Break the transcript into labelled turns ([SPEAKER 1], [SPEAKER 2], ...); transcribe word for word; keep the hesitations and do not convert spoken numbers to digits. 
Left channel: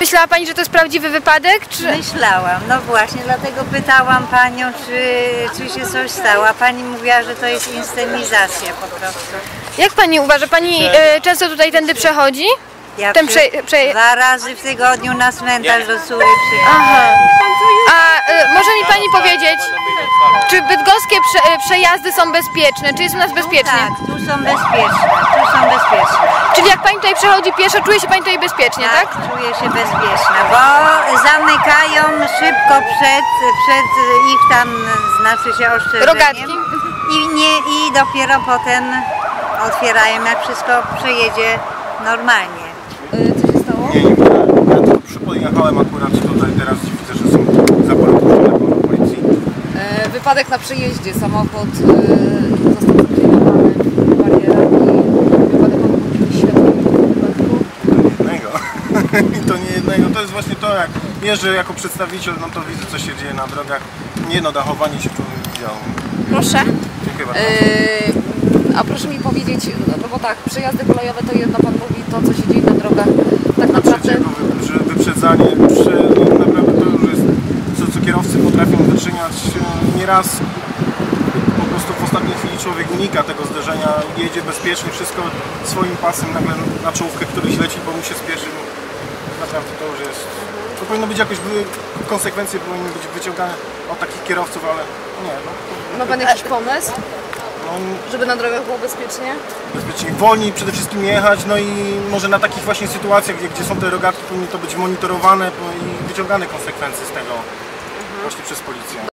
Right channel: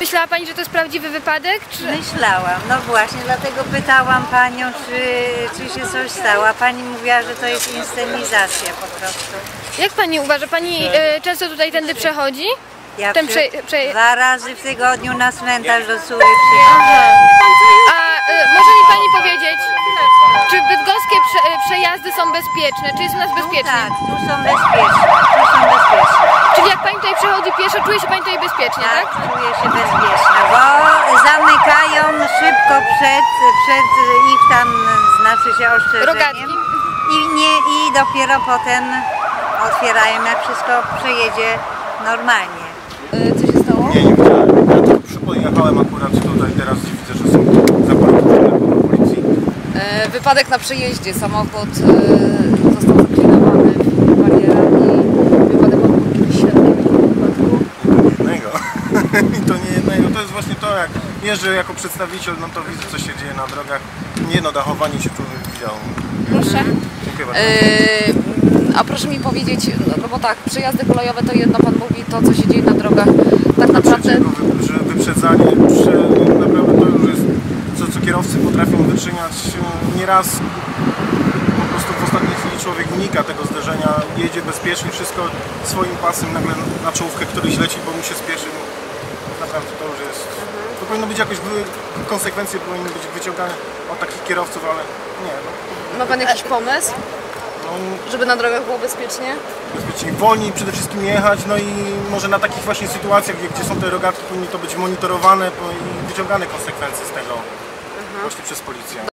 [SPEAKER 1] Myślała Pani, że to jest prawdziwy wypadek? Czy...
[SPEAKER 2] Myślałam, no właśnie, dlatego pytałam Panią, czy, czy się coś stało, a Pani mówiła, że to jest inscenizacja po prostu.
[SPEAKER 1] Jak Pani uważa? Pani e, często tutaj tędy przechodzi?
[SPEAKER 2] Ja
[SPEAKER 1] Ten
[SPEAKER 2] przy,
[SPEAKER 1] prze, prze...
[SPEAKER 2] dwa razy w tygodniu na cmentarz do Sury przychodzę.
[SPEAKER 1] Aha. A e, może mi Pani powiedzieć, czy bydgoskie prze, e, przejazdy są bezpieczne? Czy jest u nas bezpiecznie?
[SPEAKER 2] Tak, tu są bezpieczne, tu są bezpieczne.
[SPEAKER 1] Czyli jak Pani tutaj przechodzi pieszo, czuje się Pani tutaj bezpiecznie, tak?
[SPEAKER 2] Tak, czuję się bezpieczna, bo zamykają szybko przed, przed ich tam, znaczy się ostrzeżeniem.
[SPEAKER 1] Rogatki.
[SPEAKER 2] I, nie, I dopiero potem otwierają, jak wszystko przejedzie normalnie.
[SPEAKER 3] Co się stało?
[SPEAKER 4] Nie, nie widziałem. Ja tylko przypojechałem akurat tutaj, teraz widzę, że są zapory puszczone pełno policji.
[SPEAKER 3] E, wypadek na przejeździe. Samochód e, został zaklinowany barierami. Wypadek pan był kiedyś świadkiem takiego wypadku?
[SPEAKER 4] I to nie jednego. I to nie jednego. To jest właśnie to, jak jeżdżę jako przedstawiciel, no to widzę, co się dzieje na drogach. Nie no, dachowanie się człowiek widział.
[SPEAKER 3] Proszę.
[SPEAKER 4] Mhm. Dziękuję bardzo.
[SPEAKER 3] E, a proszę mi powiedzieć, no, no bo tak, przejazdy kolejowe to jedno, pan mówi to, co się dzieje na drogach. Tak
[SPEAKER 4] Na
[SPEAKER 3] naprawdę...
[SPEAKER 4] trzeciego wy, że wyprzedzanie, przy, naprawdę to już jest, co, co kierowcy potrafią wyczyniać nieraz. Po prostu w ostatniej chwili człowiek unika tego zderzenia, jedzie bezpiecznie, wszystko swoim pasem, nagle na czołówkę któryś leci, bo mu się spieszy. Naprawdę to już jest... To powinno być jakoś, były, konsekwencje powinny być wyciągane od takich kierowców, ale nie. No,
[SPEAKER 3] Ma pan jakiś pomysł,
[SPEAKER 4] no,
[SPEAKER 3] żeby na drogach było bezpiecznie?
[SPEAKER 4] bezpiecznie, wolniej przede wszystkim jechać, no i może na takich właśnie sytuacjach, gdzie, gdzie są te rogatki, powinny to być monitorowane i wyciągane konsekwencje z tego właśnie przez policję.